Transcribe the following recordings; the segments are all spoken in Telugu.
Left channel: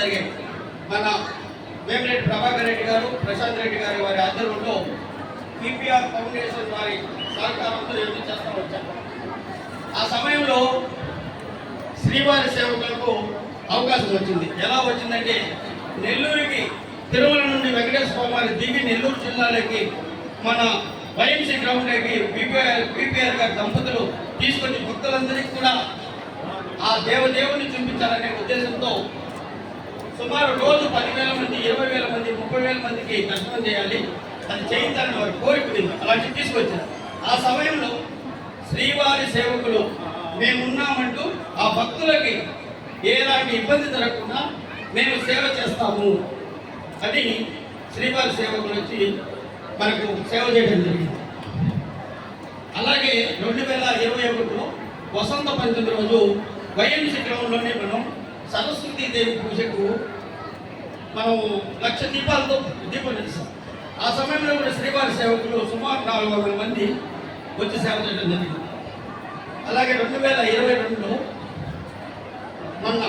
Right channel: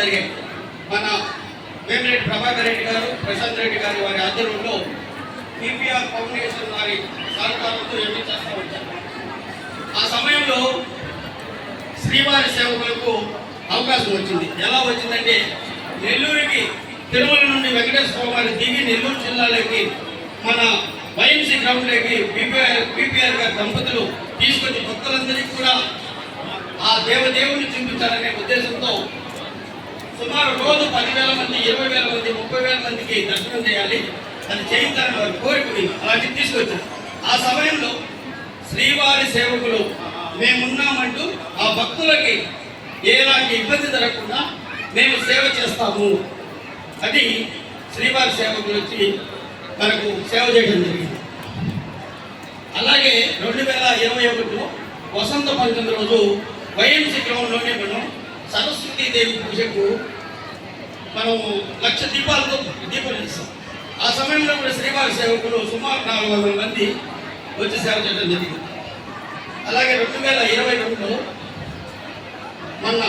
జరిగింది. మన వేమిరెడ్డి ప్రభాకర్ రెడ్డి గారు ప్రశాంత్ రెడ్డి గారి వారి ఆధ్వర్యంలో పిపిఆర్ ఫౌండేషన్ వారి సహకారంతో ఎన్ని చేస్తూ వచ్చారు ఆ సమయంలో శ్రీవారి సేవకులకు అవకాశం వచ్చింది. ఎలా వచ్చిందంటే నెల్లూరుకి తిరుమల నుండి వెంకటేశ్వర వారి దిగి నెల్లూరు జిల్లాలోకి మన వైఎంసీ గ్రౌండ్లోకి పిపిఆర్ పిపిఆర్ గారి దంపతులు తీసుకొచ్చి భక్తులందరికీ కూడా ఆ దేవదేవుని చూపించాలనే ఉద్దేశంతో సుమారు రోజు పదివేల మంది ఇరవై వేల మంది ముప్పై వేల మందికి దర్శనం చేయాలి. అది చేయించాలని వారి కోరిక ఉంది. అలాంటివి తీసుకొచ్చారు. ఆ సమయంలో శ్రీవారి సేవకులు మేమున్నామంటూ ఆ భక్తులకి ఎలాంటి ఇబ్బంది జరగకుండా మేము సేవ చేస్తాము. అది శ్రీవారి సేవకులు వచ్చి మనకు సేవ చేయడం జరిగింది. అలాగే రెండు వేల ఇరవై ఒకటిలో వసంత పంచమి రోజు వైఎంసీ గ్రౌండ్లోనే మనం సరస్వతీ దేవి పూజకు మనం లక్ష దీపాలతో దీపం చేస్తాం ఆ సమయంలో కూడా శ్రీవారి సేవకులు సుమారు నాలుగు వందల మంది వచ్చి సేవ చేయడం జరిగింది. అలాగే రెండు వేల ఇరవై రెండులో మొన్న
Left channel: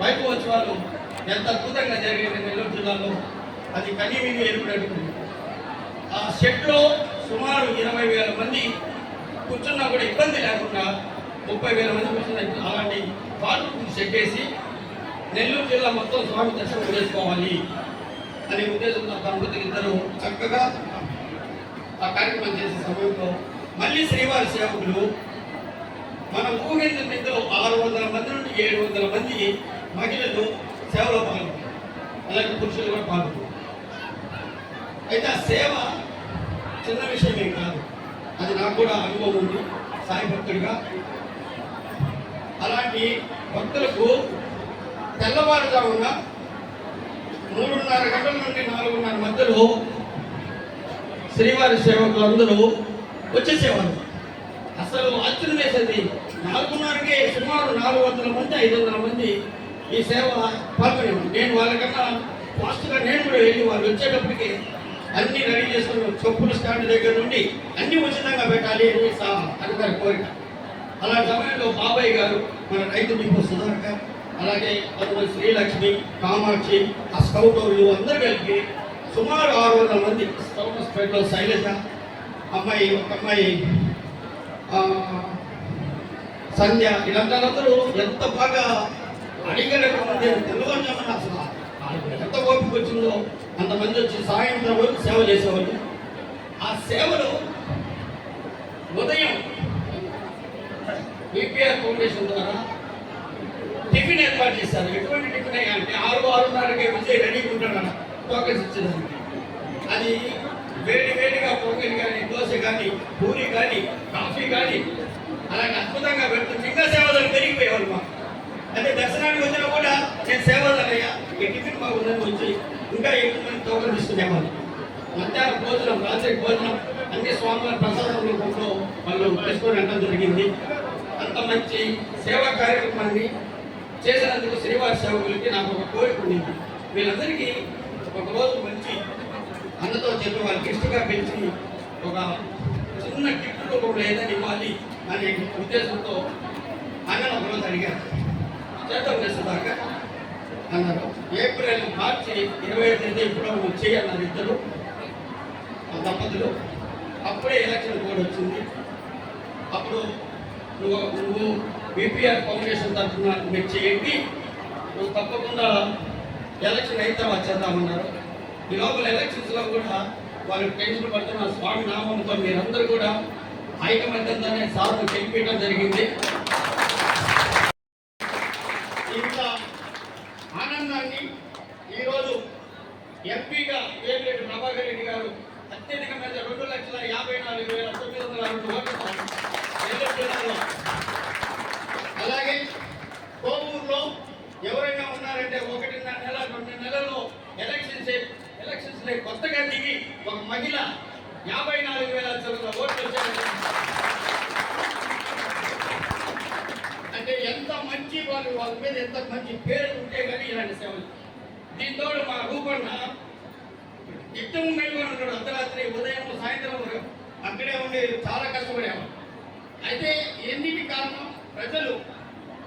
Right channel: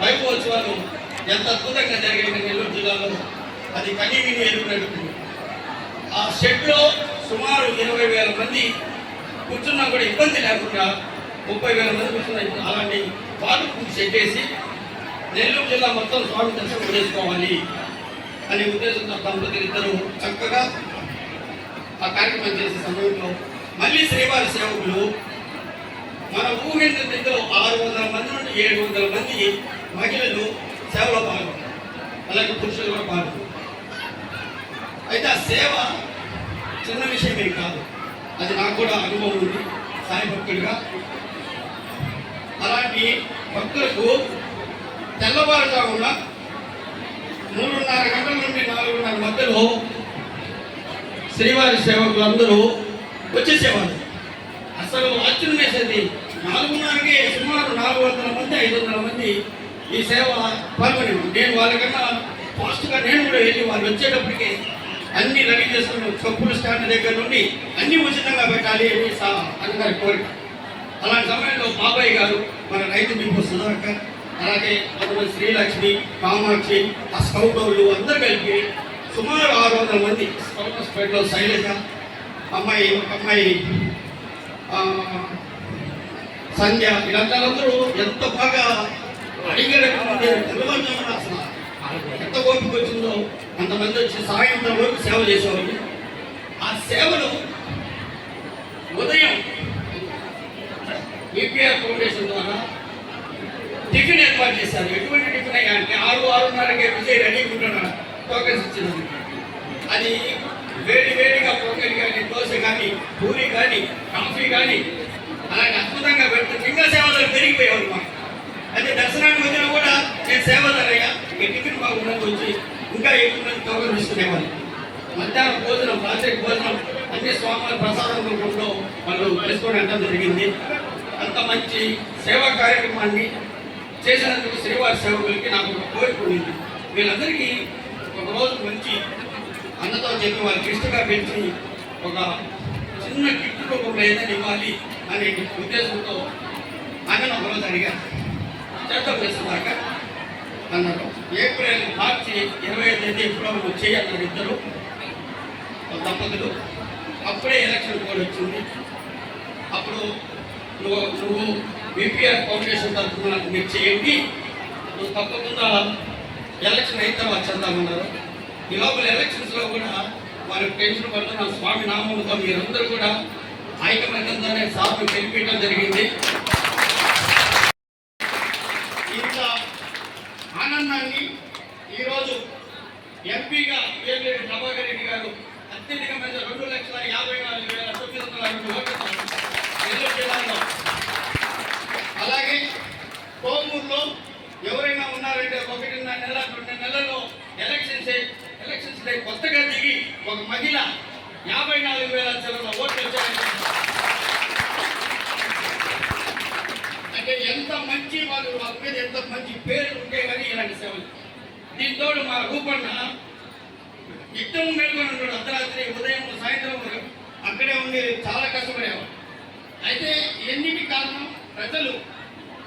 వైభవోత్సవాలు ఎంత అద్భుతంగా జరిగిన నెల్లూరు జిల్లాలో అది కనీవిని ఎరుకునేటువంటి ఆ షెడ్లో సుమారు ఇరవై వేల మంది కూర్చున్నా కూడా ఇబ్బంది లేకుండా ముప్పై వేల మంది కూర్చున్నా అలాంటి పాలు షెడ్ నెల్లూరు జిల్లా మొత్తం స్వామి దర్శనం చేసుకోవాలి అనే ఉద్దేశంతో దంపతులు ఇద్దరు చక్కగా ఆ కార్యక్రమం చేసే సమయంలో మళ్ళీ శ్రీవారి సేవకులు మన ఊహించిన దగ్గర ఆరు వందల మంది నుండి ఏడు వందల మంది మహిళలు సేవలో పాల్గొన్నారు. అలాగే పురుషులు కూడా పాల్గొన్నారు. అయితే ఆ సేవ చిన్న విషయమే కాదు. అది నాకు కూడా అనుభవం ఉంది. సాయి భక్తుడిగా అలాంటి భక్తులకు తెల్లవారుజామున మూడున్నర గంటల నుండి నాలుగున్నర మధ్యలో శ్రీవారి సేవకులందరూ వచ్చేసేవారు అసలు ఆశ్చర్యం వేసేది నాలుగున్నరకే సుమారు నాలుగు వందల మంది ఐదు వందల మంది ఈ సేవ పాల్గొని నేను వాళ్ళకన్నా ఫాస్ట్గా నేను కూడా వెళ్ళి వాళ్ళు వచ్చేటప్పటికి అన్ని రెడీ చేసుకుని చెప్పుల స్టాండ్ దగ్గర నుండి అన్ని ఉచితంగా పెట్టాలి అని సా అందరి కోరిక. అలాంటి సమయంలో బాబాయ్ గారు మన రైతు డిపో సుధాకర్ అలాగే కొంతమంది శ్రీలక్ష్మి కామాక్షి ఆ స్కౌట్ వాళ్ళు అందరూ కలిపి సుమారు ఆరు వందల మంది స్కౌట్ స్పేట్లో శైలజ అమ్మాయి ఒక అమ్మాయి సంధ్య వీళ్ళందరూ ఎంత బాగా అడిగేటటువంటి తెల్లవారుజామున అసలు ఎంత ఓపిక వచ్చిందో అంతమంది వచ్చి సాయంత్రం వరకు సేవ చేసేవాళ్ళు. ఆ సేవలు ఉదయం ఈపీఆర్ ఫౌండేషన్ ద్వారా టిఫిన్ ఏర్పాటు చేశారు. ఎటువంటి టిఫిన్ అయ్యా అంటే ఆరు ఆరున్నరకే విజయ్ రెడీ ఉంటారు టోకెన్స్ ఇచ్చినారు అది వేడి వేడిగా పొంగలి కానీ దోశ కానీ పూరి కానీ కాఫీ కానీ అలాంటి అద్భుతంగా పెడుతుంది ఇంకా సేవలు పెరిగిపోయేవారు మాకు. అయితే దర్శనానికి వచ్చినా కూడా నేను సేవలయ్యా ఈ టిఫిన్ బాగుందని వచ్చి ఇంకా ఎక్కువ మంది టోకెన్ తీసుకునేవాళ్ళు మధ్యాహ్నం భోజనం రాత్రి భోజనం అన్ని స్వాముల ప్రసాదం రూపంలో వాళ్ళు వేసుకోవడం జరిగింది. అంత మంచి సేవా కార్యక్రమాన్ని చేసినందుకు శ్రీవారి సేవకులకి నాకు ఒక కోరిక ఉండింది వీళ్ళందరికీ ఒక రోజు మంచి అన్నతో చెప్పి వాళ్ళకి ఇష్టంగా పెంచి ఒక చిన్న గిఫ్ట్ రూపంలో ఏదైనా ఇవ్వాలి అనే ఉద్దేశంతో అన్నను ఒకరోజు అడిగారు. చేద్దాం చేసేదాకా అన్నారు. ఏప్రిల్ మార్చి ఇరవై తేదీ ఇప్పుడు వచ్చేయి అన్నారు ఇద్దరు. దంపతులు అప్పుడే ఎలక్షన్ కోడ్ వచ్చింది. అప్పుడు నువ్వు నువ్వు బీపీఆర్ ఫౌండేషన్ తరఫున మీరు చేయండి. నువ్వు తప్పకుండా ఎలక్షన్ అయితే తర్వాత చేద్దామన్నారు. ఈ లోపల ఎలక్షన్స్లో కూడా వారి పెన్షన్ పడుతున్న స్వామి నామంతో మీరందరూ కూడా ఐకమత్యంతోనే సార్లు గెలిపించడం జరిగింది ఇంత ఆనందాన్ని ఈరోజు ఎంపీగా వేమిరెడ్డి ప్రభాకర్ రెడ్డి గారు అత్యధికమైన రెండు లక్షల యాభై నాలుగు వేల తొమ్మిది వందల రెండు ఓట్లతో నెల్లూరు జిల్లాలో అలాగే కోమూరులో ఎవరైనా ఉన్నారంటే ఒకటిన్నర నెల రెండు నెలల్లో ఎలక్షన్స్ ఎలక్షన్స్ కొత్తగా దిగి ఒక మహిళ యాభై నాలుగు వేల చిల్లర ఓట్లు వచ్చాయంటే అంటే ఎంత మంచి వాళ్ళు వాళ్ళ మీద ఎంత మంచి పేరు ఉంటే కానీ ఇలాంటి సేవలు. దీంతో మా రూపన్న యుద్ధం మేల్కొని ఉన్నాడు. అర్ధరాత్రి ఉదయం సాయంత్రం వరకు అక్కడే ఉండి చాలా కష్టపడేవాడు. అయితే ఎన్నిటి కారణం? ప్రజలు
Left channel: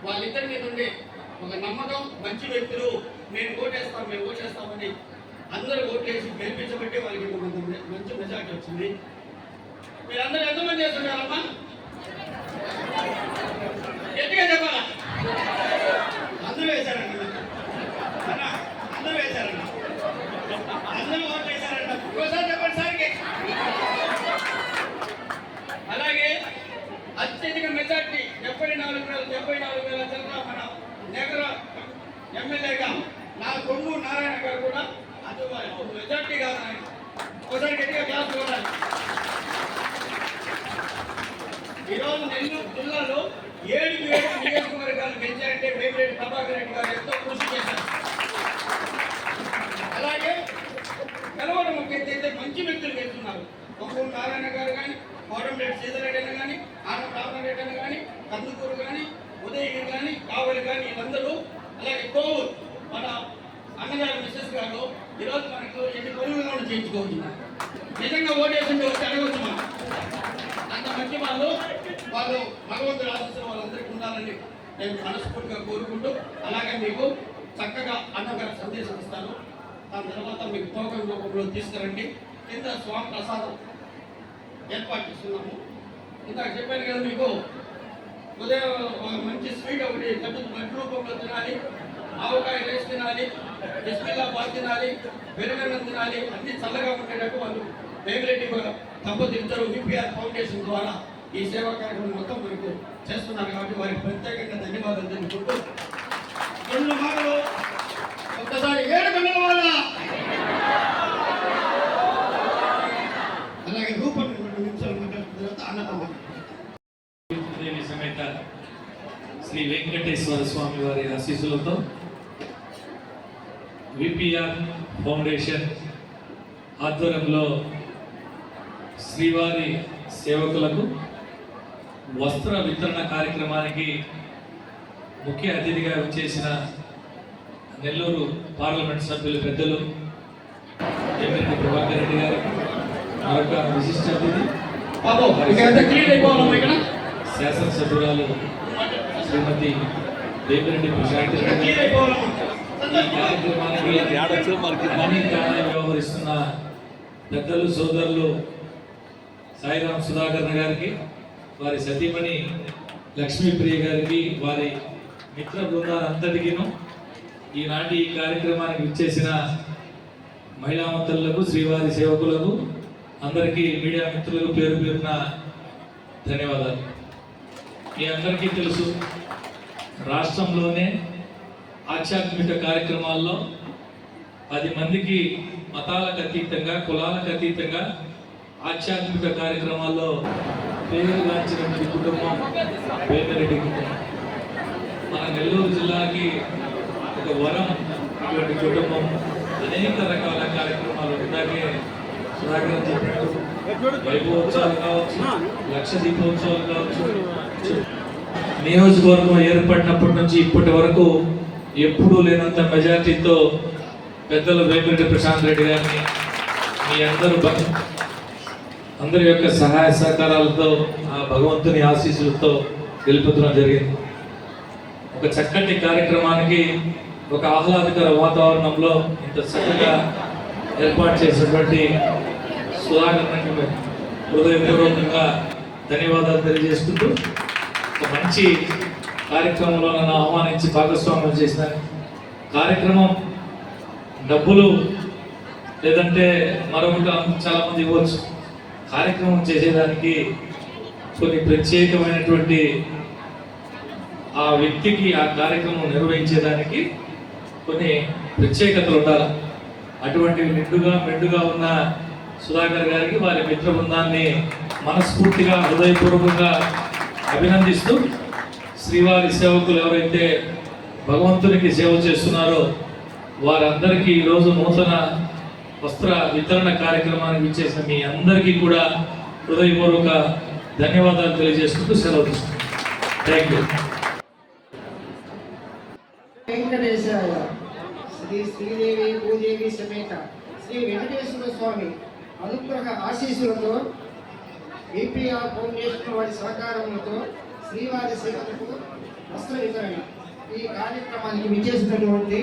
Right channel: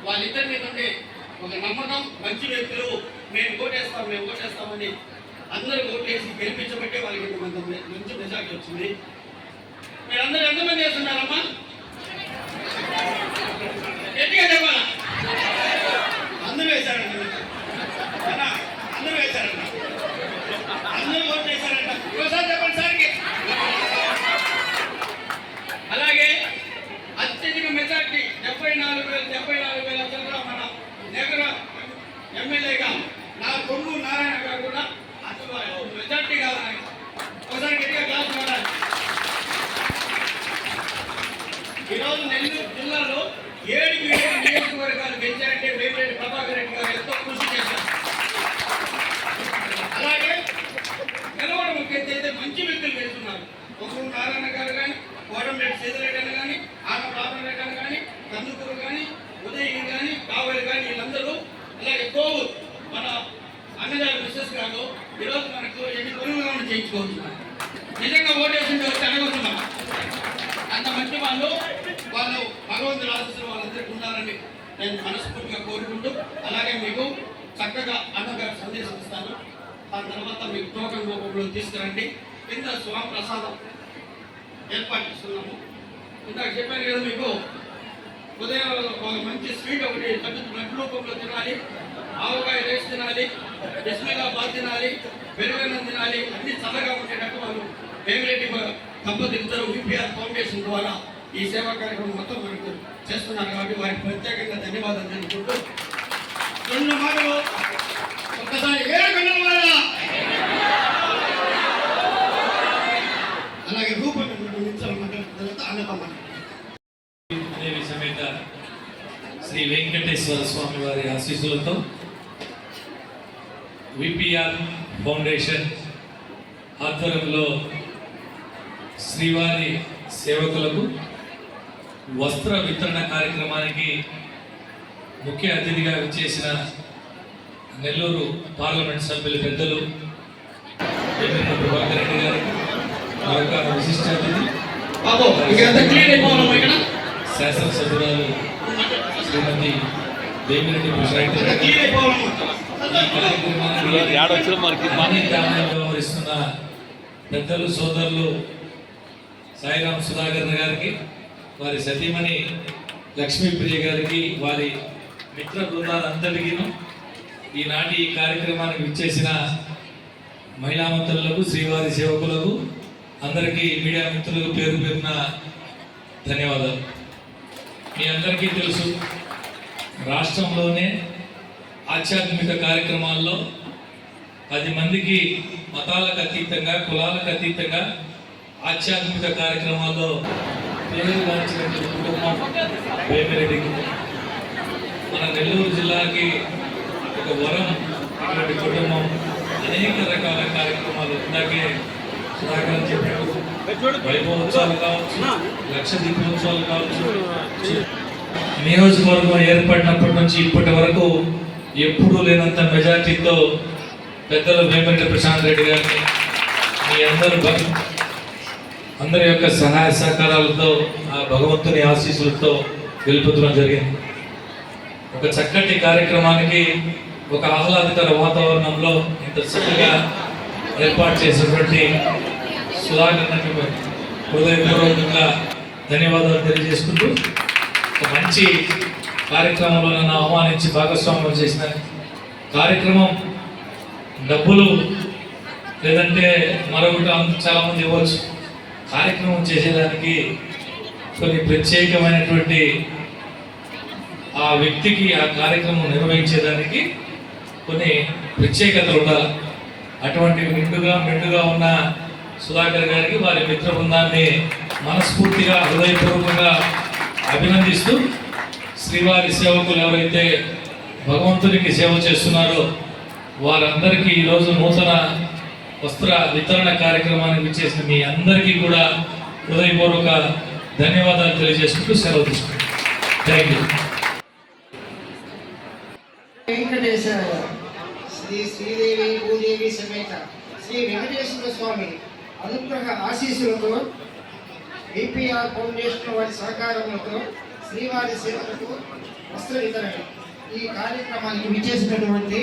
వాళ్ళిద్దరి మీద ఉండే ఒక నమ్మకం మంచి వ్యక్తులు మేము ఓటేస్తాం మేము ఓటేస్తామని అందరూ ఓటేసి గెలిపించబట్టే వాళ్ళకి ఇంత మంచి మెజార్టీ వచ్చింది. మీరందరూ ఎంతమంది చేస్తున్నారమ్మా? గట్టిగా చెప్పాలా అందరూ వేశారండి అన్నా, అందరూ వేశారండి అందరూ ఓటు వేశారంట ఒకసారి చెప్పండి సార్కి అలాగే అత్యధిక మెజార్టీ డెబ్బై నాలుగు వేల డెబ్బై నాలుగు వేల చిల్లర మన నగర ఎమ్మెల్యేగా నా కొమ్ము నారాయణ గారు కూడా అది మెజార్టీ కాదు ఆయన ఒకసారి గట్టిగా క్లాస్ కొట్టాలి ఈరోజు నెల్లూరు జిల్లాలో ఏడుకి ఏడు నియోజకవర్గాలు గెలిచారంటే వేమిరెడ్డి ప్రభాకర్ రెడ్డి గారు ఎంతో కృషి చేశారు అలాగే గెలవడం ఒక ఎత్తు అయితే మంచి వ్యక్తులు గెలుస్తున్నారు ఒక్కరు నారాయణ గారు కానీ కోరంరెడ్డి సీతారెడ్డి అని కానీ ఆన రెడ్డి అని కానీ కందుకూరు కానీ ఉదయగిరి కానీ కావలి కానీ వీళ్ళందరూ అలాగే కోవూరు మన అన్నగారు మిస్సెస్ గారు ఈరోజు మనకు ఎన్ని కొనుగోలు నిజంగా ఓటేసింది వచ్చి అడగవచ్చు అంత మంచి వాళ్ళు వాళ్ళు భగవంతుడు ఆశిస్తున్న వాళ్ళందరికీ ఉండాలని నేను మనస్ఫూర్తిగా కోరుకుంటూ అలాగే మీకు చక్కగా అన్నగారు సందేశం ఇస్తాను. దాని తర్వాత మీకు టోకన్ రూపంలో తీసుకురండి. కింద స్వామి ప్రసాదం ఏర్పాటు చేస్తున్నాము. ఇందాక చెప్పాను కదా మీకు ఉదయం ఒక మంచి స్వీట్ ఒకటి పెద్ద బ్లడ్ రూపంలో తినాలి. ఆవకాయ రేసి తినాలి. బిస్మిల్లా బాగా తినాలి. పెరుగన్నం తినాలి అన్ని చల్లగా ఉండేటట్టు వాళ్ళు వేమిరెడ్డి దంపతులు విపిఆర్ యూపీఆర్ ఫౌండేషన్ ద్వారా ఈ సేవా కార్యక్రమం మొత్తం మనకు చేస్తున్నారు కాబట్టి వారికి ప్రత్యేకంగా ధన్యవాదాలు తెలుపుకుంటూ రెండు మాటలు ఒక్కసారి అలాగే రూపం రెండు నిమిషాలు మాట్లాడిన తర్వాత దేవి సమేత శ్రీ వెంకటేశ్వర స్వామి వారి ఆశీస్సులతో విపిఆర్ ఫౌండేషన్ ఆధ్వర్యంలో శ్రీవారి సేవకులకు వస్త్ర వితరణ కార్యక్రమానికి ముఖ్య అతిథిగా వచ్చేసిన నెల్లూరు పార్లమెంట్ సభ్యులు పెద్దలు వేమిరెడ్డి ప్రభాకర్ రెడ్డి గారు మరొక విశిష్ట అతిథి. శాసనసభ్యురాలు శ్రీమతి వేమిరెడ్డి ప్రశాంత్ వ్యవహరిస్తున్న పెద్దలు సోదరులు సాయిరాం సుధాకర్ గారికి వారి సతీమణి లక్ష్మీప్రియ గారికి వారి మిత్ర బృందాలంతటికీను ఈనాటి ఈ కార్యక్రమానికి విచ్చేసిన మహిళామంతులకు శ్రీవారి సేవకులకు అందరికీ మీడియా మిత్రులకు పేరు పేరున ధన్యవాదాలు. మీ అందరికీ తెలుసు రాష్ట్రంలోనే ఆధ్యాత్మిక కార్యక్రమాల్లో పది మందికి మతాలకు అతీతంగా కులాలకు అతీతంగా ఆధ్యాత్మిక కార్యక్రమాల్లో పేరుగాంచినటువంటి కుటుంబం వేమిరెడ్డి మన నెల్లూరు జిల్లాకి ఒక వరం ఇటువంటి కుటుంబం అనేక రకాల కార్యక్రమాలు ఇందాకే సుధాకర్ చెప్పినట్టు వైభవోత్సవాలు కావచ్చు లక్ష దీపోత్సవాలు కావచ్చు. నియోజకవర్గం ఏర్పడినప్పటి నుంచి ఇప్పటి వరకు ఎప్పుడూ లేనంత మెజార్టీతో పెద్దలు వేమిరెడ్డి ప్రశాంత్ రెడ్డి గారిని. మీ అందరూ అందరి యొక్క సహాయ సహకారాలతో ఆ భగవంతుని ఆశీస్సులతో గెలుపుతడం జరిగింది. ఒక చక్కటి కార్యక్రమానికి ఒక ఆహ్లాదకర వాతావరణంలో ఇంత చక్కగా ఏర్పాటు చేసినటువంటి సుధాకర్ హృదయపూర్వకంగా ధన్యవాదాలు తెలియజేసుకుంటూ ఒక మంచి కార్యక్రమంలో నన్ను ఆహ్వానించి భాగస్వామ్యం చేసిన కార్యక్రమం డబ్బులు లేదంటే మరొకటి చాలామంది ఇవ్వచ్చు. కార్యక్రమం చేసేదానికి కొన్ని ప్రత్యేకమైనటువంటి ఆ వ్యక్తికి ఆ కార్యక్రమం నిర్వహించేదానికి కొన్ని ప్రత్యేకతలు ఉండాలి. అటువంటి నిండుగా మెండుగా ఉన్న సుధాకర్ గారికి వారి మిత్ర బృందాన్ని మనస్ఫూర్తిగా హృదయపూర్వకంగా అభినందిస్తూ శ్రీవారి సేవకులు ఎవరైతే భగవంతునికి సేవ చేస్తున్నారో వారందరికీ ఈరోజు నూతన వస్త్ర వితరణ కార్యక్రమానికి ఇచ్చేసిన మీ అందరికీ కూడా హృదయపూర్వక ధన్యవాదాలు తెలియజేసుకుంటూ సెలవు తీసుకుంటాం థ్యాంక్ యూ శ్రీ శ్రీదేవి భూదేవి సమేత శ్రీ వెంకటేశ్వర స్వామి అనుగ్రహ ఆశీస్సులతో ఏపీఆర్ ఫౌండేషన్ వారి సహకారంతో శ్రీవారి సేవలకు వస్త్ర వితరణ ఈ కార్యక్రమానికి విచ్చేసినటువంటి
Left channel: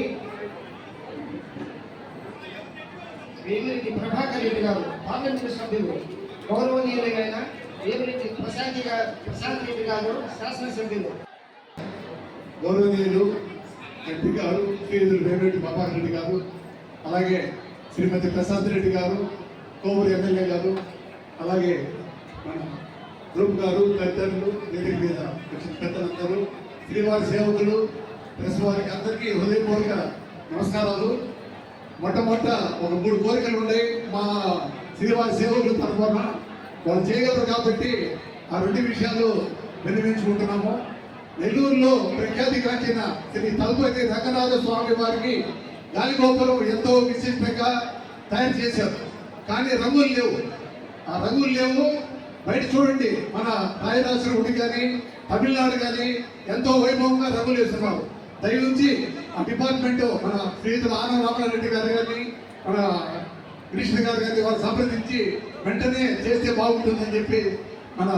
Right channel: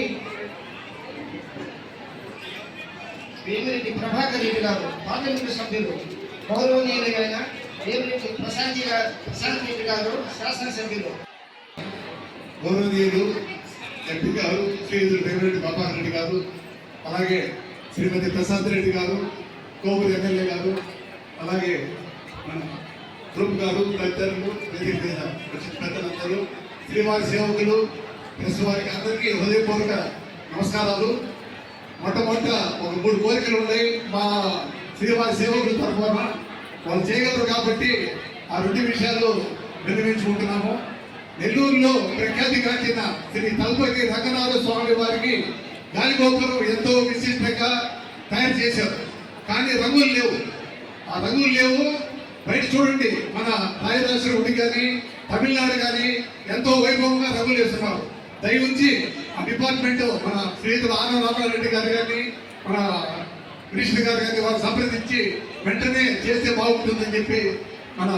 వేమిరెడ్డి ప్రభాకర్ రెడ్డి గారు పార్లమెంటు సభ్యులు గౌరవనీయులైన వేమిరెడ్డి ప్రశాంత్ గారు ప్రశాంత్ రెడ్డి గారు శాసనసభ్యులు. గౌరవనీయులు ఎంపీ గారు శ్రీయులు వేమిరెడ్డి ప్రభాకర్ రెడ్డి గారు అలాగే శ్రీమతి ప్రసాద్ రెడ్డి గారు కోవూరు ఎమ్మెల్యే గారు అలాగే మన గ్రూప్ గారు తదితరులు వేదిక వచ్చిన పెద్దలందరూ శ్రీవారి సేవకులు ప్రెస్ వారికి అందరికీ హృదయపూర్వక నమస్కారాలు. మొట్టమొదట ఒక మూడు కోరికలు ఉన్నాయి. మా శ్రీవారి సేవకుల తరఫున వాళ్ళు చేయగలరు కాబట్టి ఆ రెండు విషయాలు విన్నవించుకుంటున్నాము. నెల్లూరులో ప్రఖ్యాతి ప్రఖ్యాతిగాంచిన శ్రీ తలపతి రంగనాథ స్వామి వారికి గాలిగోపురం ఎంతో విశిష్టంగా తయారు చేశారు. కానీ రంగులు లేవు. ఆ రంగులు లేవు. బయట చూడండి మన రాయరాశ్వర గుడి కానీ తమిళనాడు కానీ ఎంతో వైభవంగా రంగులు వేస్తున్నారు దయవుంచి ఆ డిపార్ట్మెంట్ మన శ్రీయుతులు ఆనంద రామారెడ్డి గారు కానీ మన కృష్ణ గారు కానీ వారు సంప్రదించి వెంటనే చేస్తే బాగుంటుందని చెప్పి మన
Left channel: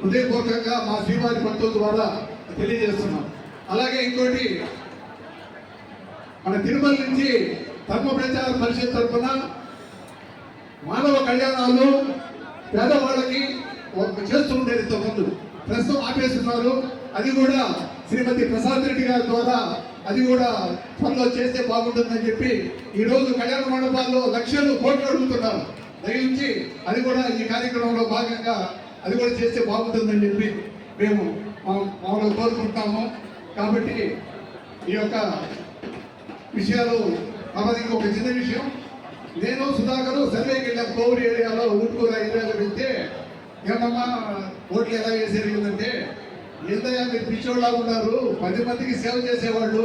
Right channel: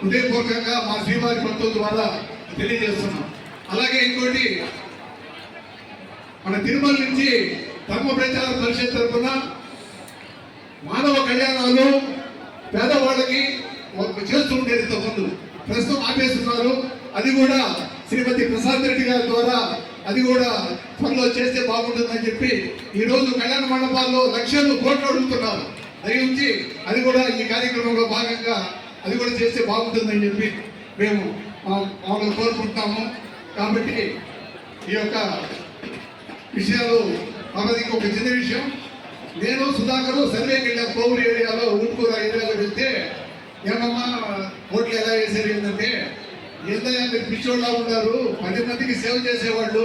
హృదయపూర్వకంగా మా శ్రీవారి భక్తుల ద్వారా తెలియజేస్తున్నాం. అలాగే ఇంకోటి మన తిరుమల నుంచి ధర్మ ప్రచార పరిషత్ తరఫున మానవ కళ్యాణాలు పేదవాళ్ళకి చేస్తుండేది చేస్తూ ఉండేది ఇంతకుముందు ప్రస్తుతం ఆపేస్తున్నారు. అది కూడా శ్రీమతి ప్రసాద్ రెడ్డి గారి ద్వారా అది కూడా త్వరలో చేస్తే బాగుంటుందని చెప్పి ఈ రోజు కళ్యాణ మండపాల్లో లక్షలు కోట్లు అడుగుతున్నారు. దయించి అది కూడా ఈ కార్యక్రమంలో భాగంగా అది కూడా చేస్తే బాగుంటుందని చెప్పి మేము మామూలు కోరుకుంటాము. కాబట్టి ఈ యొక్క విషయాలు మనది ఇంకొక చిన్న విషయం. నేను సుధాకర్ సర్వేకి వెళ్ళాను పౌరు ఏరియాలో ఊటుకూర ఏరియాలో వెళ్తే ఏమమ్మా ఓట్లు ఎలా వేసారు ఏంటంటే ఏందయ్యా మీరు పిచ్చోళ్ళ ఉన్నారు పది మందికి సేవ చేసేవాళ్ళు.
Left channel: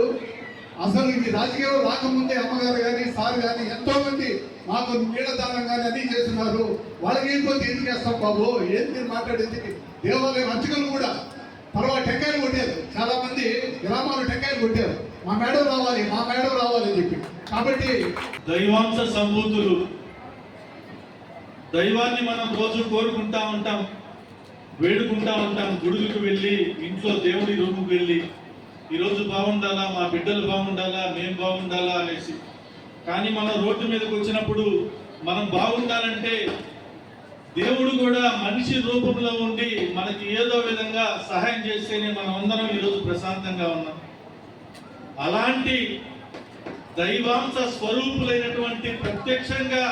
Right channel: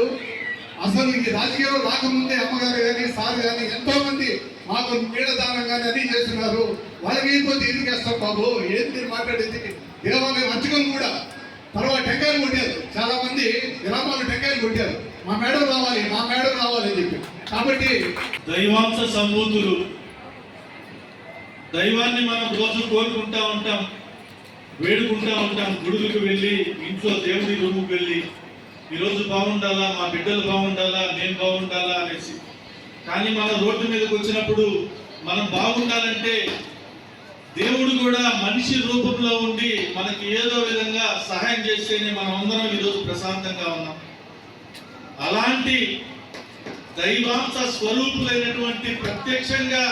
అసలు ఈ రాజకీయాలు రాకముందే అమ్మగారు కానీ సార్ కానీ ఎంతో మంది మాకు నీడదానం కానీ అన్ని చేస్తున్నారు. వాళ్ళకి అయిపోతే ఎందుకు వేస్తాం బాబు? ఏంటి మాట్లాడేది? దేవాలయం అర్చకం కూడా. తర్వాత టెంకాయలు కొట్టారు. చాలా మంది గ్రామాలు టెంకాయలు కొట్టారు. మా మేడం రావాలి మా మేడం రావాలి అని చెప్పి. కాబట్టి దైవాంశ సంభూతులు దైవాన్ని మనం రోజు కోరుకుంటా ఉంటాం వేడుకుంటా ఉంటాం గుడులకు వెళ్ళి ఇంట్లో దేవుడి రూముకి వెళ్ళి ఈరోజు బాగుండాలా మా బిడ్డలు బాగుండాలా నేను బాగుండాలా అనేసి. కానీ మన రోడ్డు మీదకి వచ్చినప్పుడు మనం బాగుండాలంటే దేవుడు కూడా మనిషి రూపంలో ఉండి మనకి ఏదో విధంగా సహాయం చేస్తేనే మనం అందరం ఈరోజు ప్రశాంతంగా ఉన్నాం. అలాంటి దైవాంశ స్వరూపులైనటువంటి ప్రత్యక్షంగా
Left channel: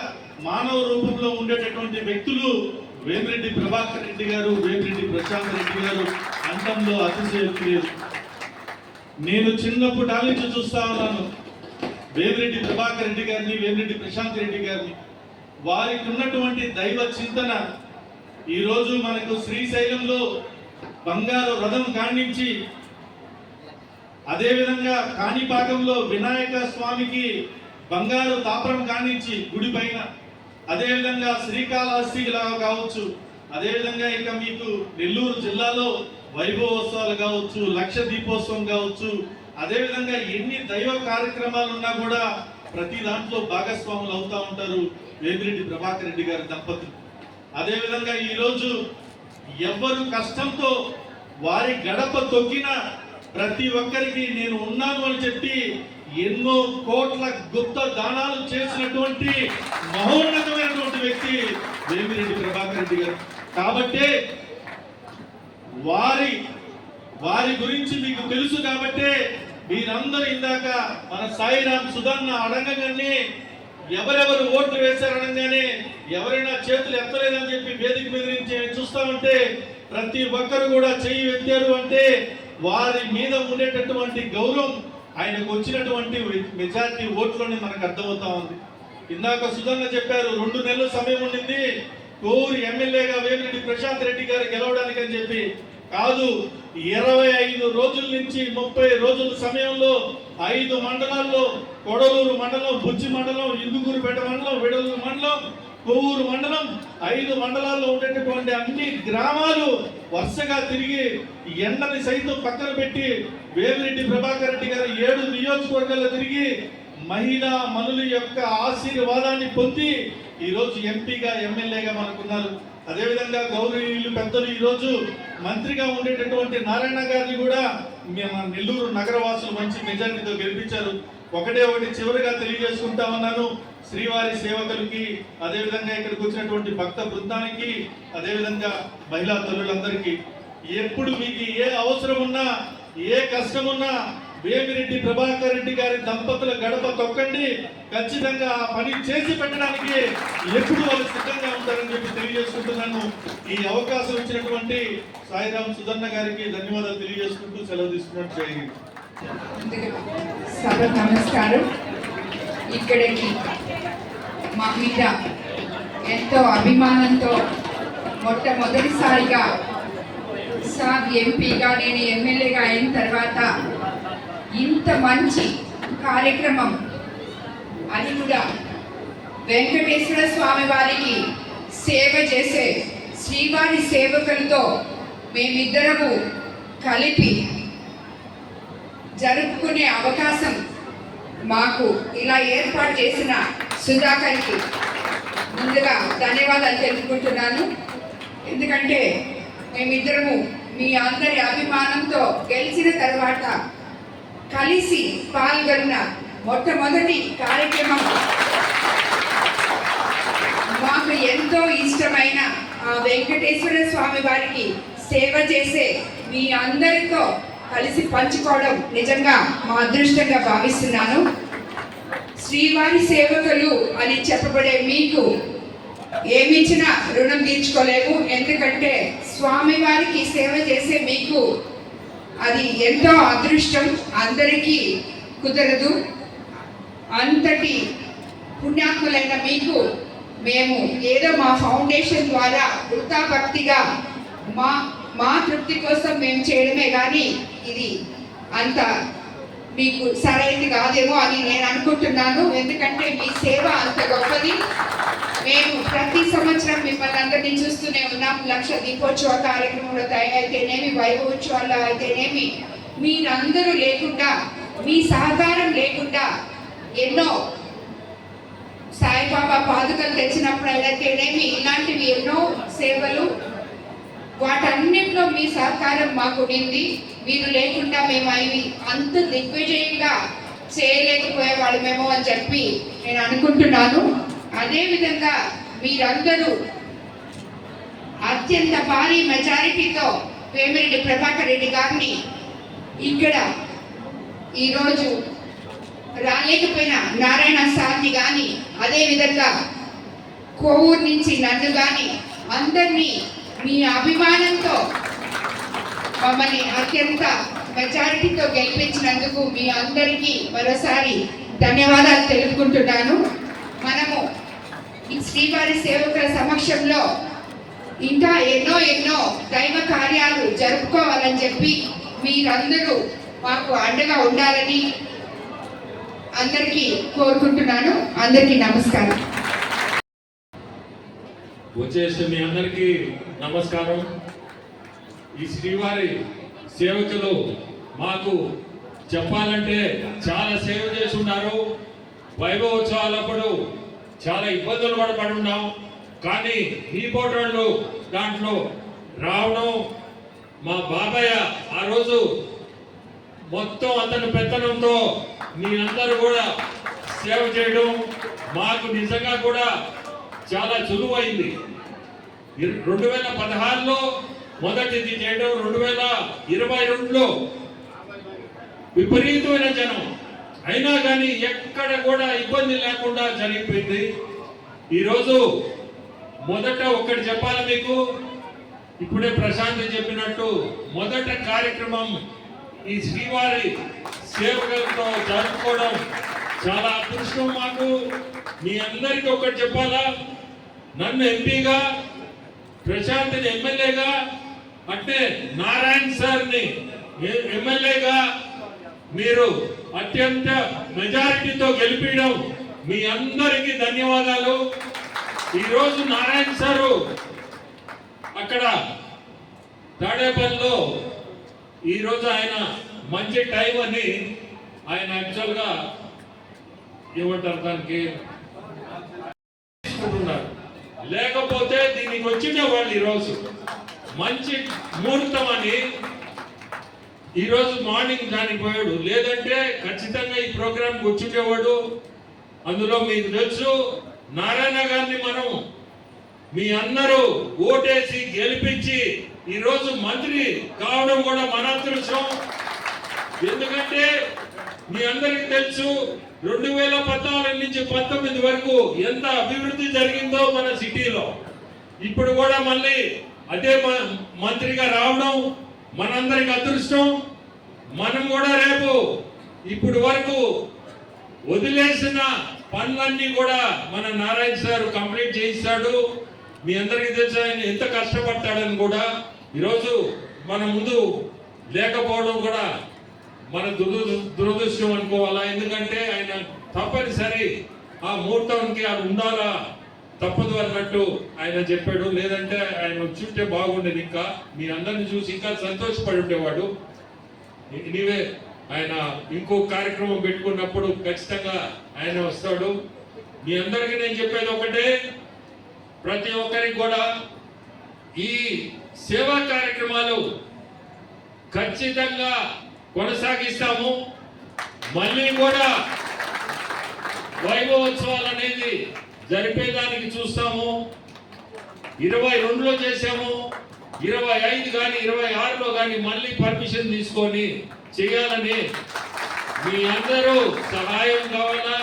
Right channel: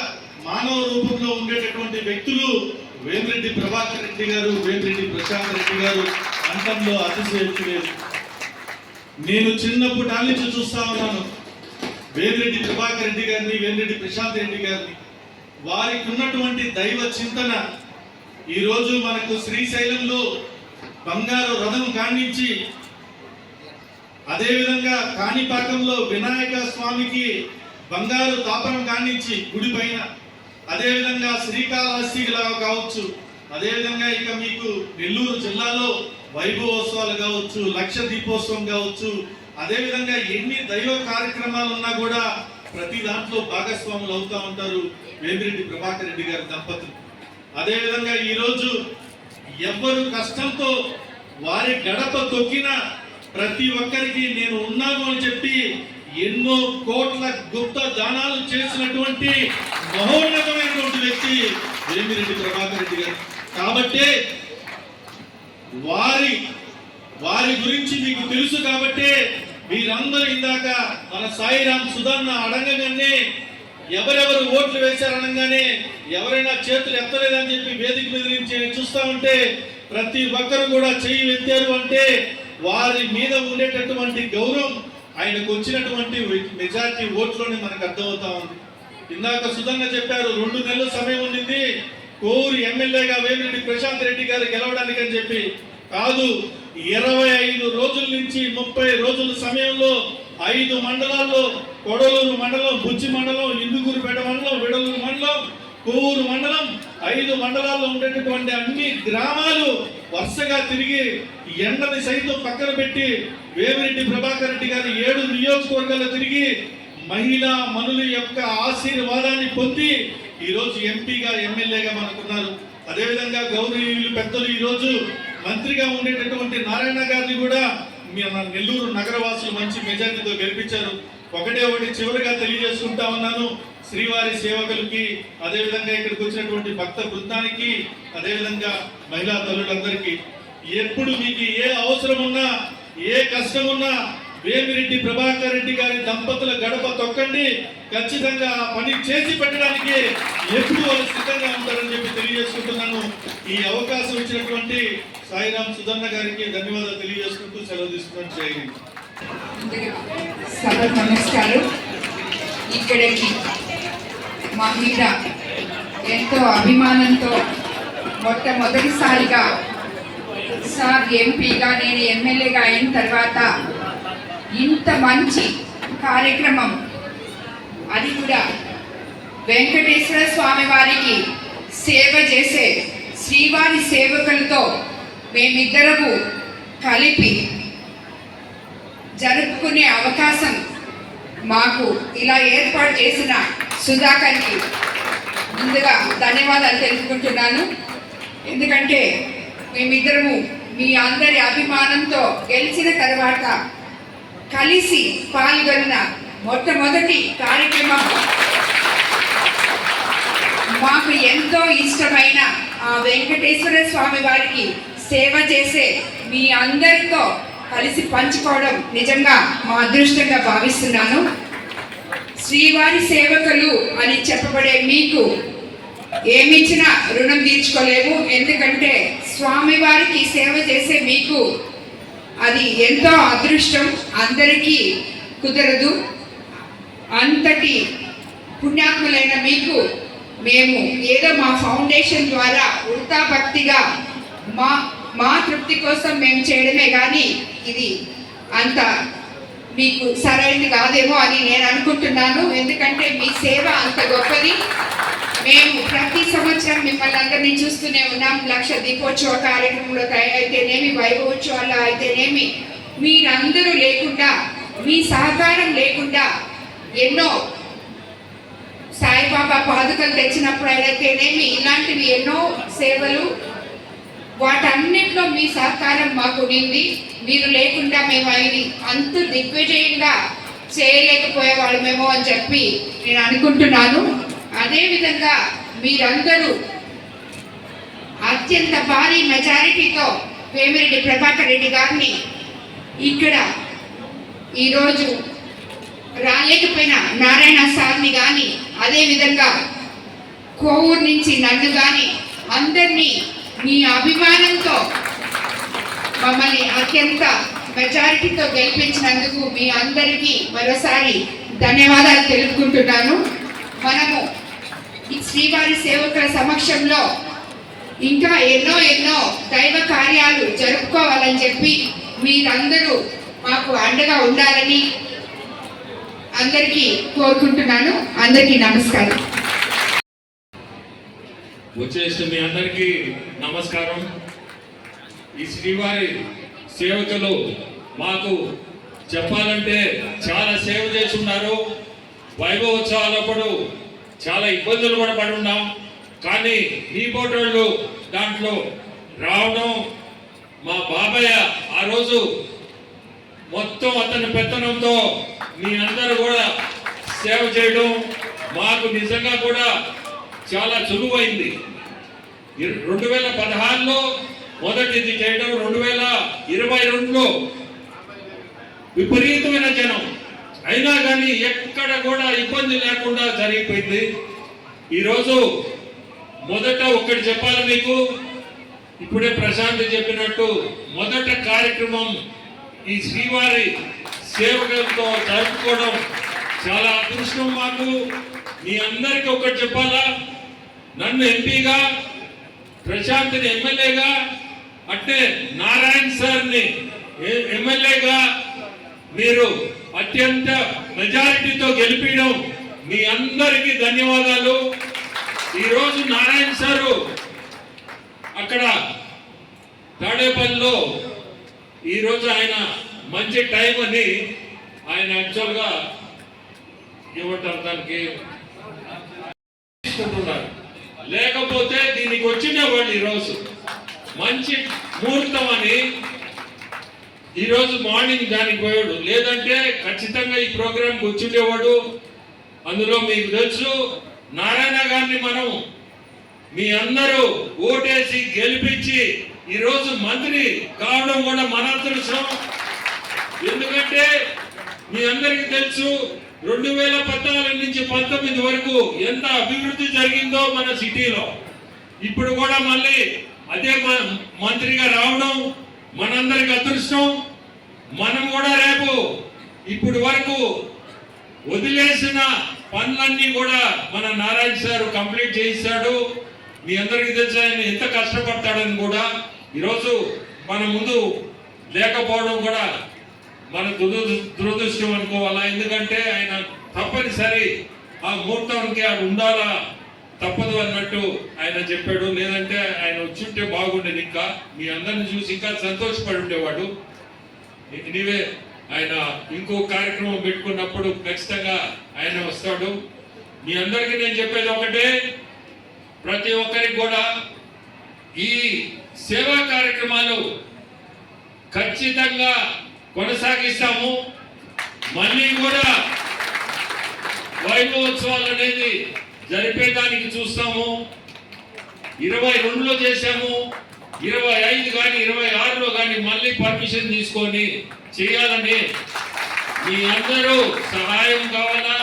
మానవ రూపంలో ఉండేటటువంటి వ్యక్తులు వేమిరెడ్డి ప్రభాకర్ రెడ్డి గారు వేమిరెడ్డి ప్రశాంత్ రెడ్డి గారు అంతంలో అతిశయోక్తి లేదు. నేను చిన్నప్పుడు నుంచి చూస్తా ఉన్నాను. వేమిరెడ్డి ప్రభాకర్ రెడ్డి గారిని వేమిరెడ్డి ప్రశాంత్ రెడ్డి గారిని. వారికి ఉన్నటువంటి దైవ చింతన ఈరోజు మనకు శ్రీశైలంలో బంగారు రథం కాణించి అదేవిధంగా కాణిపాకంలో వినాయక స్వామికి బంగారు తాపరం కానించి గుడి పైన. అదేవిధంగా శ్రీకాళహస్తిలా కావచ్చు. అదేవిధంగా ఇక మీకు నెల్లూరు జిల్లాలో వైభవోత్సవాలు కావచ్చు లక్ష దీపోత్సవం కావచ్చు. అదేవిధంగా ఎన్ని దైవ కార్యక్రమాలు ఉన్నా కూడా ప్రతి దాంట్లో భాగస్వాములు అవుతా ఉంటారు వేమిరెడ్డి ప్రభాకర్ రెడ్డి గారి దంపతులు. అదేవిధంగా ఈరోజు ఎవ్వరు కష్టంతో వారి గడప తొక్కిన ప్రతి ఒక్కరికి నేను ఉన్నాను అని చెప్పి ఎన్నో కోట్ల గుప్త దానాలు చేసినటువంటి మహోన్నతమైనటువంటి వ్యక్తి వేమిరెడ్డి ప్రభాకర్ రెడ్డి గారు. కాబట్టే వారి వారి గురించి మీకు తెలుసు కాబట్టే మీరందరూ ఇందాక మన సాయిరామ్ సుధన్న అడగగానే ఎవరెవరు ఓట్లు వేశారనగానే ఎవరైనా చేతులు ఎత్తలేదని చెప్పి వేదిక మీద నుంచి చూస్తామంటే ప్రతి ఒక్కరు కూడా చేయి ఎత్తారు అంటే వారి మీద ఉండేటటువంటి గౌరవం ఆయనకు వచ్చినటువంటి మెజారిటీ ఓట్లోనే మనకు అర్థమవుతా ఉంది. ఇందాక సుధన్న చెప్పారు రెండు నెలల సమయం ఉండింది. కోరి ఎమ్మెల్యేగా వేమిరెడ్డి ప్రశాంత్ రెడ్డి గారు గెలవడానికి అని చెప్పి. కాదు ఇరవై ఐదు రోజుల నుంచి ముప్పై రోజుల సమయంలో ఐదు మండలాల్లో కొడలూరు మండలం బుజ్జి మండలం ఇందుకూరుపేట మండలం విడలూరు మండలం కోవూరు మండలం ఐదు మండలాల్లో ఉండేటటువంటి అన్ని గ్రామాలు వరుసగా తిరిగి ఎండని సైతం పక్కన పెట్టి వేమిరెడ్డి ప్రభాకర్ రెడ్డి గారు ఏడు నియోజకవర్గాల్లో తిరిగి మహిళా మనుల యొక్క ఆశీర్వాదాన్ని పొంది ఈరోజు ఎంపీగా ఎమ్మెల్యేగా మనకున్నారు. అదేవిధంగా గౌరవీయులు పెద్దలు ఈరోజు మంత్రిగా ఉండేటటువంటి నారాయణ గారిని కూడా మన నెల్లూరు నగరవాసులు మంచి మెజార్టీతో గెలిపించారు. ఒకటే ఒకటి చివరిగా తెలియజేసుకుంటా ఉన్నాను. శ్రీవారి సేవకులకి అదేవిధంగా ఇక్కడికి వచ్చినటువంటి భక్త బృందానికి అదేవిధంగా మహిళా తల్లులందరికీ. ఎప్పుడు మీకు ఏ అవసరం ఉన్నా ఏ కష్టం ఉన్నా వేమిరెడ్డి ప్రభాకర్ రెడ్డి గారి దంపతుల గడప తొక్కండి. ఖచ్చితంగా పని చేసి పెట్టడానికి ఎప్పుడు వాళ్ళు సిద్ధంగా ఉంటారని చెప్పి తెలియజేసుకుంటున్నాను. ఈ అవకాశం ఇచ్చినటువంటి సాయిరాం సుధన్న గారికి ధన్యవాదాలు తెలియజేసుకుంటూ సెలవు తీసుకున్నాను. చేయండి నమస్కారం. ఇక్కడికి మా మీద ఎంతో అభిమానంతో మొట్టమొదటిసారిగా సార్ ఎంపీగా నేను ఎమ్మెల్యేగా అయిన తర్వాత ఇంత మంచి కార్యక్రమం అది కూడా వెంకటేశ్వర స్వామి వారికి సేవ చేసే శ్రీవారి సేవకులతో మేమిద్దరము కలిపి జరుపుకునే అవకాశం మాకు ఇలా ఏర్పాటు చేసిన సుధాకర్కి ముందుగా ధన్యవాదాలు తెలుసుకుంటున్నాను ఎందుకంటే మేమిద్దరము మీ అందరి అభిమానంతో గెలిచిన తర్వాత కలిసి పాల్గొన్న మొట్టమొదటి కార్యక్రమం మాకు ఎంతో ఇష్టమైన ఆ వెంకటేశ్వర స్వామి వారికి సేవ చేసే మీ అందరితో కలిసి పంచుకోవడం నిజంగా మా అదృష్టంగా భావిస్తున్నాను. శ్రీవారి సేవకులు అని చెప్పబడే మీకు ఏమిచ్చినా రుణం తీర్చుకోలేము ఎందుకంటే స్వామివారికి సేవ చేసే మీకు అది ఎంతో అదృష్టం. అందరికీ కుదరదు. అంతటి పుణ్యాత్ములైన మీకు మేము ఏదో మా ఫౌండేషన్ ద్వారా వృత్తాభక్తిగా మా మా తృప్తి కోసం మేము చేయడమే కానీ ఇది అంత మీకు సరైనది కాదేమో అని నేను అనుకుంటున్నాను. ఎందుకంటే మీ సేవ అంత గొప్పది. మేము ప్రతి సంవత్సరం మిమ్మల్ని అందరినీ చూస్తూనే ఉన్నాం. లక్ష దీపోత్సవ కార్యక్రమంలో అయితేనేమి వైభవోత్సవాల్లో అయితేనేమి మీరందరూ లేకుండా మీ సహకారం లేకుండా ఎన్నో సాయిబాబా పాదుకలు తెచ్చినప్పుడు అయితేనేమి ఇలాంటివి ఎన్నో సేవలు వాటన్నిటిలో మీ సహకారం మాకు ఉండింది. మీరు లేకుండా మేము అవి అంత దిగ్విజయంగా చేయలేకపోయేవాళ్ళమేమో అని చెప్పి నేను అనుకుంటున్నాను. అదేవిధంగా మీరందరూ అత్యంత భారీ మెజారిటీతో వేమిరెడ్డి ప్రభాకర్ రెడ్డి గారిని ఇక్కడ ఈరోజు రాలేకపోయిన నారాయణ సార్ని కానీ అదేవిధంగా కోవూరు నుంచి నన్ను కానీ అందరినీ మీ అభిమానంతో మమ్మల్ని అత్యంత మెజారిటీతో గెలిపించినందుకు మీ అందరికీ మరోసారి ధన్యవాదాలు తెలుపుకుంటున్నాను. మనము ఈ శ్రీవారి సేవకుల సమక్షంలో ఇంకా ఎన్నో ఎన్నో దైవ కార్యాలు జరుపుకోవాలని చెప్పి మీరందరూ మాకు అండగా ఉండాలని అందరికీ కోరుకుంటున్నాను. అందరికీ నమస్కారం. వచ్చేసి మీ అందరికీ నమస్కారం. ఈ శ్రీవారి సేవకులు మాకు చెప్పాలంటే చాలా సేవ చేసి ఉన్నారు వైభవోత్సవాలప్పుడు చాలా ఇబ్బందులు కూడా పడున్నాం. కానీ ఈ ఫోటోళ్ళు దాంట్లో రావడం మా బాబాయ్ ఆ రోజు మొత్తం అతని పెత్తనంతో మీ అందరూ కూడా సేవ చేయడం మాకు నిజంగా కూడా చాలా చురువైంది రెండు వేల పదహారులో మొదటిది చేయడం రెండు వేల ఇరవై రెండులో. విపరీతమైన జనం. అయినా కానీ ఎక్కడ కూడా ఇబ్బంది లేకుండా జరిగిపోయింది. ఈరోజు మొదట ఒకటి చెప్పాలి మీకు. ఇప్పుడే ప్రశాంత్ చెప్పినట్టు మొదట కార్యక్రమం ఈ శ్రీవారి సేవకులతో జరుపుకోవడం చాలా అదృష్టం మాకు. మీ అందరికీ ఒకటి చెప్పాలా? నన్ను ఎంపీగా ప్రశాంత్ని ఎమ్మెల్యేగా అంటే నారాయణ్ సార్ని ఎమ్మెల్యేగా మీరు అత్యంత మెజారిటీతో గెలిపించడం మీ అందరికీ ధన్యవాదాలు. ఈరోజు నారాయణ సారు అక్కడ తాడేపల్లిలో ఈరోజు ఆయన మంచి టైం అని ఆయన యాక్చువల్గా ఏమంటారు దానికి తీసుకుంటున్నారు లేకపోతే దీనికి వచ్చిండేవాళ్ళు ఈరోజు. మంచి ముహూర్తం అని ఈరోజు మార్నింగ్ దానికి పోయాడు. లేదంటే ఖచ్చితంగా ఈ ప్రోగ్రాంకి వచ్చిండేవాడు అందులో మీకు తెలుసు నారాయణ గారిని మనం మీ అందరూ ఓటేసి గెలిపించి ఈరోజు మంత్రి కావడం కూడా మన అదృష్టం. ఎందుకంటే మీ అందరికీ తెలుసు రెండు వేల పద్నాలుగు నుంచి పంతొమ్మిది వరకు ఎంత అభివృద్ధి జరిగిందో మన సిటీలో. ఇప్పుడు కూడా మళ్ళీ అదే మ- మంత్రిగా రావడం మనందరికి అదృష్టం. మనం కూడా రేపు ఇప్పుడు వరకు వదిలేసిన పనులన్నీ కూడా మన నారాయణ సార్ కంప్లీట్ చేయిస్తాడు. మీ అందరికీ తెలుసు ఆయన ఎంత కష్టపడతాడని కూడా. ఈరోజు మన ముందు లేకపోవడం కూడా మన దురదృ- దురదృష్టం అనుకోవాలా? ఎందుకంటే ఆయన తప్పనిసరి ఆ ముహూర్తానికి ఆయన ఉండాలా? తప్పదు అన్నట్టు ఆయన చెప్పాడు. లేదంటే ఆయన వచ్చింటే బాగుండేది ఇంకా మీ అందరిని చూసి ఇంకా సంతోషపడి ఉండేవాడు. నీవే ఆయన ఇంకో కార్యక్రమం పెట్టుకున్నప్పుడు ఖచ్చితంగా ఆయన వస్తాడు. మీ అందరికీ నేను చెప్పేది ఒకటే. ప్రతి ఒక్కరికి కూడా ఈ సేవా కార్యక్రమాలు ఖచ్చితంగా కొనసాగిస్తాము. మళ్ళీ కూడా వైభవోత్సవాలు అనేది జరిపేదానికి చూస్తాము. ఇరవై రెండులో చేశాము. ఇరవై ఐదు కానీ ఇరవై ఆరులో కానీ మళ్ళీ పర్మిషన్ తీసుకొని చేయాలని మీ అందరూ సహాయం కావాలా?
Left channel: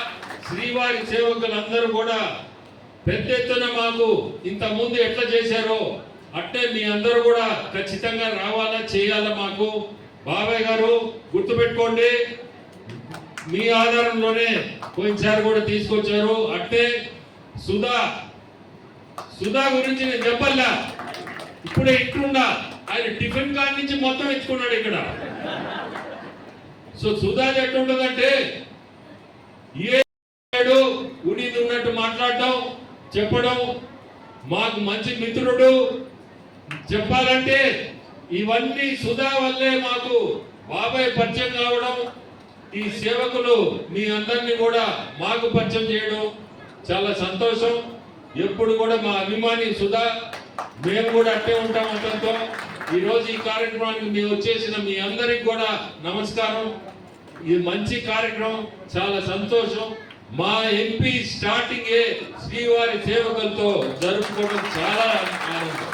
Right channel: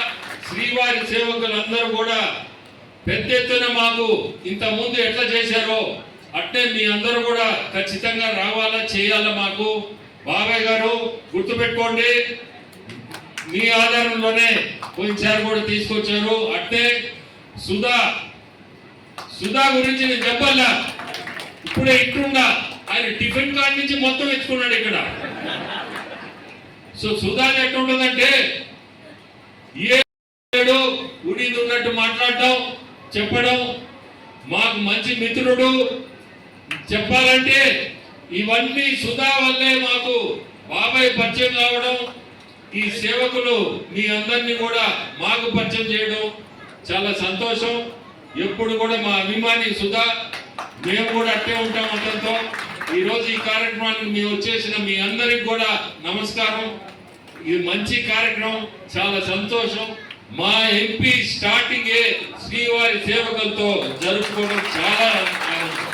శ్రీవారి సేవకులందరూ కూడా పెద్ద ఎత్తున మాకు ఇంత ముందు ఎట్లా చేశారో అట్టే మీ అందరూ కూడా ఖచ్చితంగా రావాలా చేయాలా మాకు? బాబాయ్ గారు గుర్తుపెట్టుకోండి. మీ ఆధారంలోనే పోయినసారి కూడా తీసుకొచ్చారు. అంటే సుధా సుధా గురించి నేను చెప్పల్లా ఇప్పుడే ఇట్లుండా ఆయన టిఫిన్ కార్డ్ నుంచి మొత్తం ఎత్తుకున్నాడు ఇక్కడ. సో సుధా ఎట్లుంటుందంటే ఏడు ఉడిది ఉన్నట్టు మాట్లాడటం చెప్పడం మాకు మంచి మిత్రుడు. చెప్పాలంటే ఇవన్నీ సుధా వల్లే మాకు బాబాయ్ పరిచయం కావడం ఈ సేవకులు మీ అందరినీ కూడా మాకు పరిచయం చేయడం చాలా సంతోషం. ఎప్పుడు కూడా మా అభిమాని సుధా మేము కూడా అట్టే ఉంటాం అతనితో. ఈరోజు ఈ కార్యక్రమానికి మేము వచ్చేసిన మీ అందరికి కూడా నమస్కారం. ఇది మంచి కార్యక్రమం చాలా సంతోషం. మా ఎంపీ స్టార్టింగే శ్రీవారి సేవకులతో జరుపుకోవడం చాలా ఆనందం.